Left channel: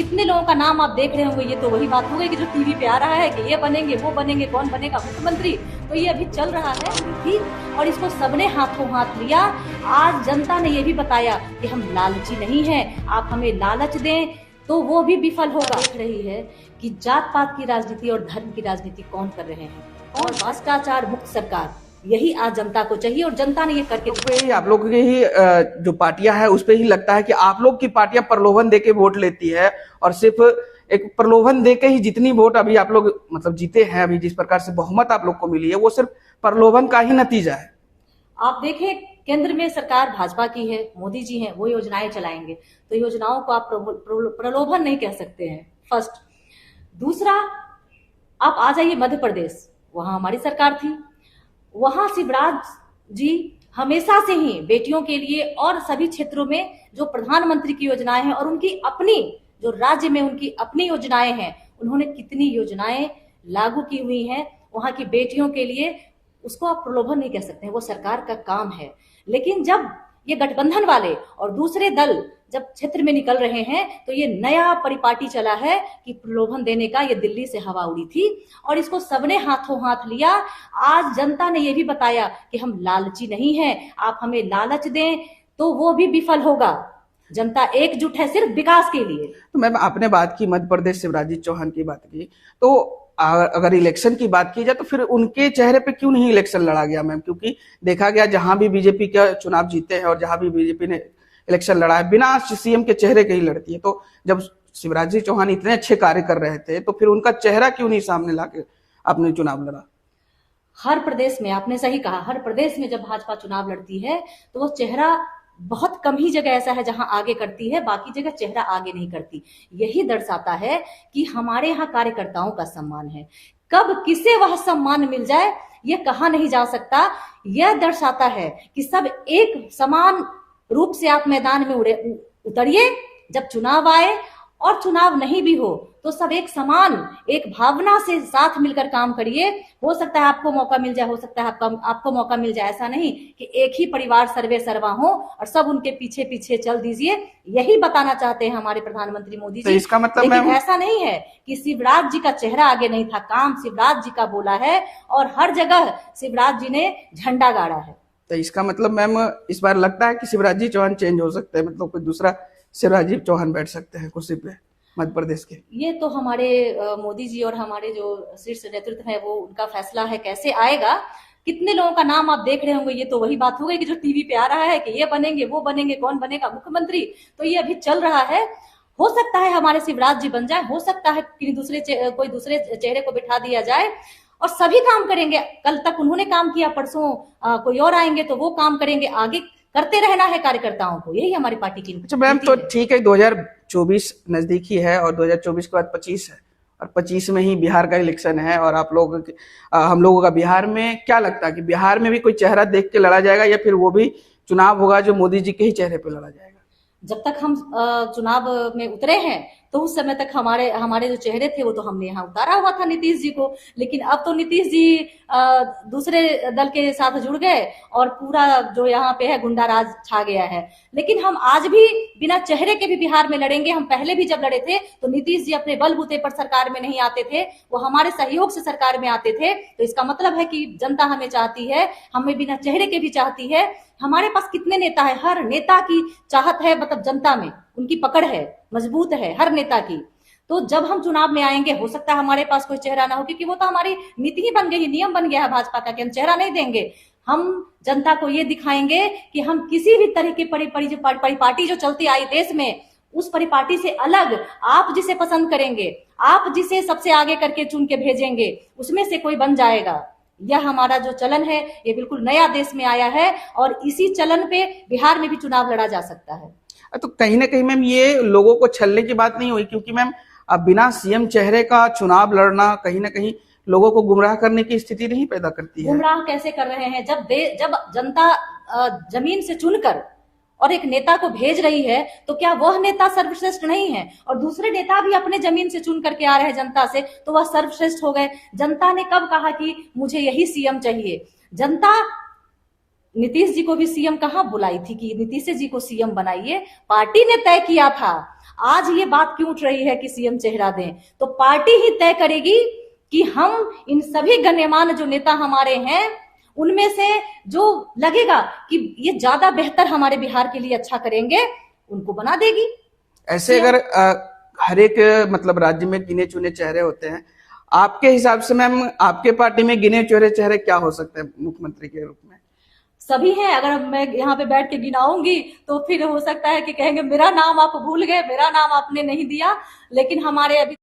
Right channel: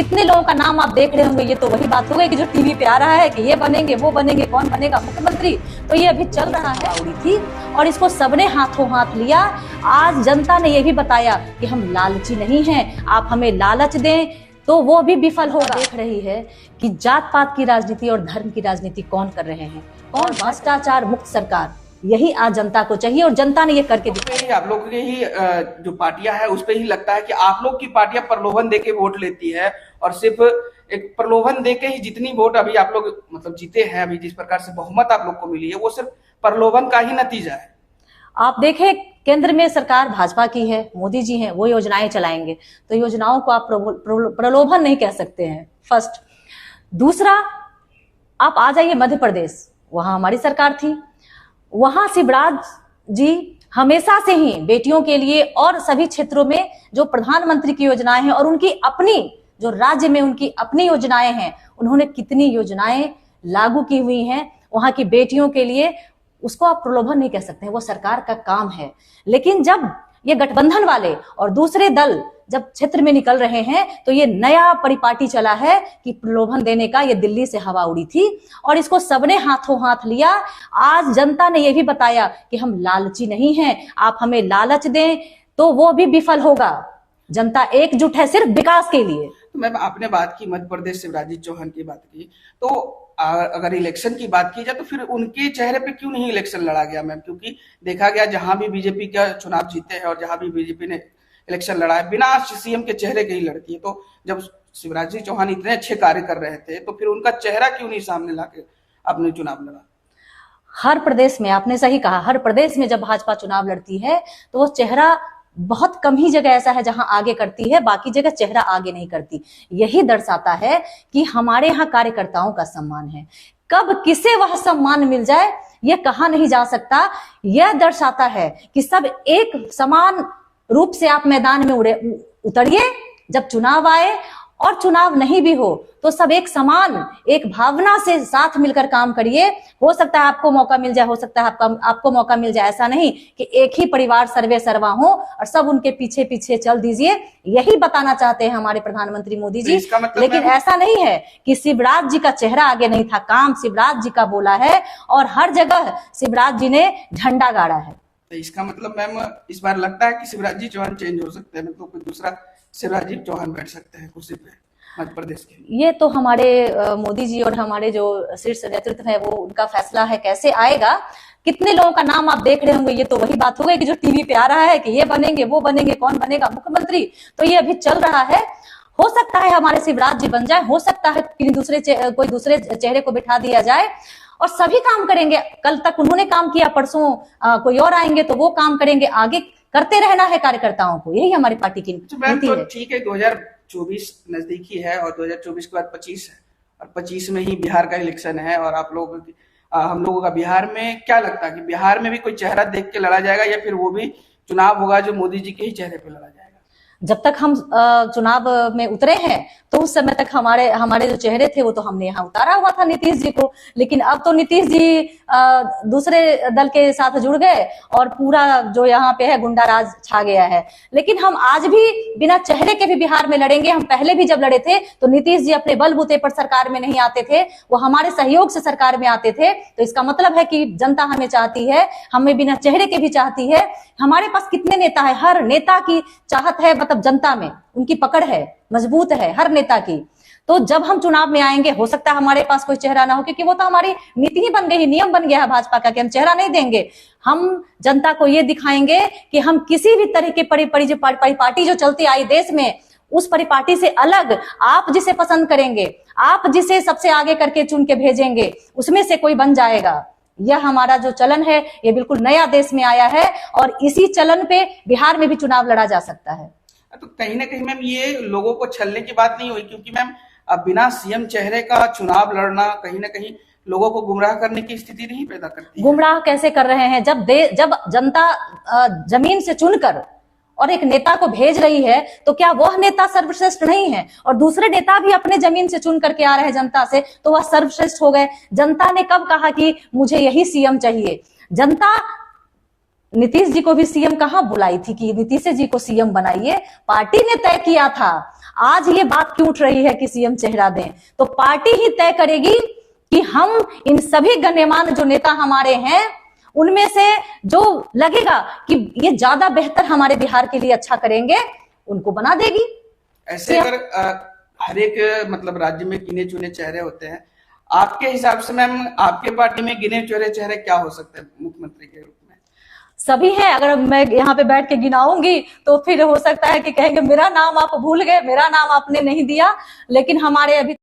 कितने लोगों का नाम आप देख रहे होंगे, ये तो वही बात हो गई कि जो टीवी पे आ रहा है कि ये बनेंगे वो बनेंगे, कौन बनेगा मुख्यमंत्री। तो ये अभी चल रहा है थी और इसको सबने हाथों हाथ लिया। आज जनता ने ये भी बताया कि हम लालची नहीं हैं, आप हमें लालच दें तो वो भी विफल होगा। देख रही है कि जात पात की राजनीति और धर्म की राजनीति कौन कर रहे हैं, और भ्रष्टाचार मुक्त सरकार, यही आज जनता को चाहिए और जनता ने ये करके दिखाया। आप लोग की ही जो पार्टियां है उस पे ही लगता है कि आप लोग की पार्टियां प्रलोभन देके वोट लेती है और सिर्फ एक प्रलोभन देके ही जितनी वोट अभी आप लोग मतलब जीते हैं, अभी जिस प्रकार से बहुमत आप लोग को मिली है वो सिर्फ प्रलोभन का ही नतीजा है। आप देखें केंद्र में सरकार भाजपा की है, मोदी जी हैं, वो योजनाएं चलाएंगे तो योजनाओं को आप प्रलोभन नहीं कह सकते हैं, फर्स्ट। दूसरा, आप आ जाइए मध्य प्रदेश, वहां हमारी सरकार थी, वहां शिवराज जी हमेशा से ही बेटियों के लिए और सभी क्षेत्रों में जो प्रधानमंत्री की योजनाएं हैं और उनकी अपनी जो राज्य में उनकी अपनी योजनाएं हैं, उन्होंने कितनी योजनाएं लागू की हुई हैं वहां की बेटियों के लिए, उसको आप प्रलोभन नहीं कह सकते हैं, वो सरकार का काम है। लेकिन जब ये गठबंधन वाले और दूसरे दल जब क्षेत्र में निकल रहे हैं तो ये नया परिपाटी चला है कि प्रलोभन देने का, ये दिल्ली से हवा उड़ी थी और इसको सबने हाथों हाथ लिया। आज जनता ने ये भी बताया कि हम लालची नहीं हैं, आप हमें लालच दें तो वो भी विफल होगा। जनता एकजुट है सिर्फ विकास के लिए। तो मैम आपने बात की मध्य प्रदेश शिवराज जी चौहान की बात की, तो अगर इलेक्शन की बात की जाए तो फिर उनके चेहरे पे क्यों नहीं इलेक्शन लड़ा गया मैम? क्योंकि देखा गया जहां भी बीजेपी का चुनाव जीते हैं और जहां भी बीजेपी ने इलेक्शन लड़ा है बिना सीएम के चेहरे के ही लड़ती है, तो जब शिवराज जी चौहान इतने अच्छे कार्य कर रहे थे तो फिर उनका चेहरा क्यों नहीं सामने लाके आपने चुनाव लड़ा? हर प्रदेश में, आपने सही कहा, हर प्रदेश में जब भाजपा चुनाव लड़ती है तो वो चेहरा बहुत कम ही जगह ऐसा है जहां आगे करती है, बाकी जगह चेहरा आगे नहीं करती। यही दर्शाता है कि हमारे यहाँ कार्यकर्ताओं का सम्मान है। कब किसे वह सम्मान मिल जाए यह कहा नहीं जा सकता। यह दर्शाता है कि सब एक समान रूप से आप मैदान में उतरिए, जब चुनाव आए और चुनाव नहीं भी हो तो सब एक समान, एक भावना से साथ मिलकर काम करिए। हो सकता है आपको मौका मिल जाए, हो सकता है आपको मौका मिल जाए, ऐसा नहीं कि एक ही परिवार सर्वे सर्वा हो और सब उनके पीछे पीछे चल दीजिए। यही बताना चाहते हैं हमारे प्रधानमंत्री मोदी जी। इसका मतलब लेकिन ऐसा नहीं है कि शिवराज जी का चेहरा आगे नहीं था, काम शिवराज जी का बोला है और हर जगह शिवराज जी ने झंडा गाड़ा है। तो इसका मतलब मैम इस बार लगता है कि शिवराज जी चौहान चेंज हो सकते हैं, मतलब कोई दूसरा शिवराज जी चौहान बैठ सकते हैं कुर्सी पे मध्य प्रदेश के? ये तो हमारे मोदी जी और हमारे जो शीर्ष नेतृत्व है वो उनका फैसला है, कैसे आएगा। कितने लोगों का नाम आप देख रहे होंगे, ये तो वही बात हो गई कि जो टीवी पे आ रहा है कि ये बनेंगे वो बनेंगे, कौन बनेगा मुख्यमंत्री। तो ये अभी चल रहा है, हो सकता है हमारे शिवराज जी बन जाए, हो सकता है कोई दूसरे चेहरे को बिठा दिया जाए और सभी काम करेंगे। कल तक उन्होंने काम किया, परसों कोई और आएंगे तो वो काम करेंगे, आगे करते रहना है कार्यकर्ताओं को, यही हमारी पार्टी की नीति तो है। ठीक है, 2024 नजदीकी है और 2024 के बाद 25 है और 25 में ही बिहार का इलेक्शन है और हम लोगों का बिहार में क्या लगता है कि बिहार में भी कोई चेहरा देख के लड़ा जाएगा या फिर वो भी चुनाव होगा जो मोदी जी के ही चेहरे पे लड़ा जाएगा? जब तक हम चुनाव में उतरे हैं तो उस समय तक हमारे जो चेहरे थे वो तो हमने यहाँ उतारा हुआ था नीतीश जी को। लेकिन अब तो नीतीश जी दूसरे दल के साथ जुड़ गए और पूरा जो यहाँ पे है गुंडा राज छा गया है। लेकिन हम आज भी बिना चेहरे के भी बिहार में लड़ेंगे। हम पहले भी जब लड़े थे तो नीतीश जी अपने बलबूते पर सरकार में नहीं आते थे, वो हमारे सहयोग से सरकार में आते थे। तो इसका मतलब है कि जनता हमें चाहती है, हमें बिना चेहरे के भी चाहती है। हमारे पास कितने नेता है, हर नेता की चाहत है, मतलब जनता में उनकी पकड़ है, मजबूत है हर नेता की। तो जब हम चुनाव में आएंगे हो सकता है हमारे पास कोई चेहरा ना हो, क्योंकि वो तो हमारी नीति ही बन गई है, नियम बन गया है भाजपा का कि हम चेहरा नहीं देंगे। हम जनता को ये दिखाएंगे कि हम किसी भी तरह की परिपाटी जो चलती आई देश में, उस परिपाटी से अलग आप जिसे पसंद करेंगे, आप जिसे सबसे आगे करके चुन के भेजेंगे, उसमें से कोई बन जाएगा। यह हमारा जो चलन है ये बिल्कुल नया देश में आया है और इसी चलन पे बिहार में भी चुनाव लड़ा जा सकता है। तो कहीं ना कहीं मैम ये लोगों को छलने की बात नहीं हुई, क्योंकि मैम अब बिना सीएम चेहरे का चुनाव लड़ना कहीं ना कहीं लोगों को गुमराह करने की स्थिति नहीं पैदा करती है? गुमराह कैसे कर रहे हैं? जब जनता जमीन से चुनकर और एक नेता को भेज रही है तो क्या वह नेता सर्वश्रेष्ठ नहीं है? और दूसरे नेता भी अपने जमीन से चुन करके आ रहे हैं जनता से, तो वह सर्वश्रेष्ठ हो गए। जनता ने कब कहा कि मुझे यही सीएम चाहिए? जनता नीतीश जी को भी सीएम कहाँ बुलाई थी कि नीतीश जी को सीएम बनाइए? पार्टी ने तय किया था। आज ये बात क्यों उठ रही है कि सीएम चेहरा दें, तो पार्टी ही तय करेगी कि हम इन सभी गण्यमान्य जो नेता हमारे हैं उनमें से जो लगेगा कि ये ज्यादा बेहतर हमारे बिहार के लिए अच्छा करेंगे उनको बना देगी। ऐसे अगर हर एक मतलब राज्य में गिने चुने चेहरे होते हैं, आपके हिसाब से मैम आपके पार्टी में गिने चुने चेहरे क्या हो सकते हैं मुख्यमंत्री के रूप में? सभी हैं। अगर मैं यहाँ पे बैठ के गिनाऊंगी तो फिर हो सकता है कि कहेंगे मेरा नाम आप भूल गए, मेरा नाम आपने नहीं दिया, लेकिन हमारे अभी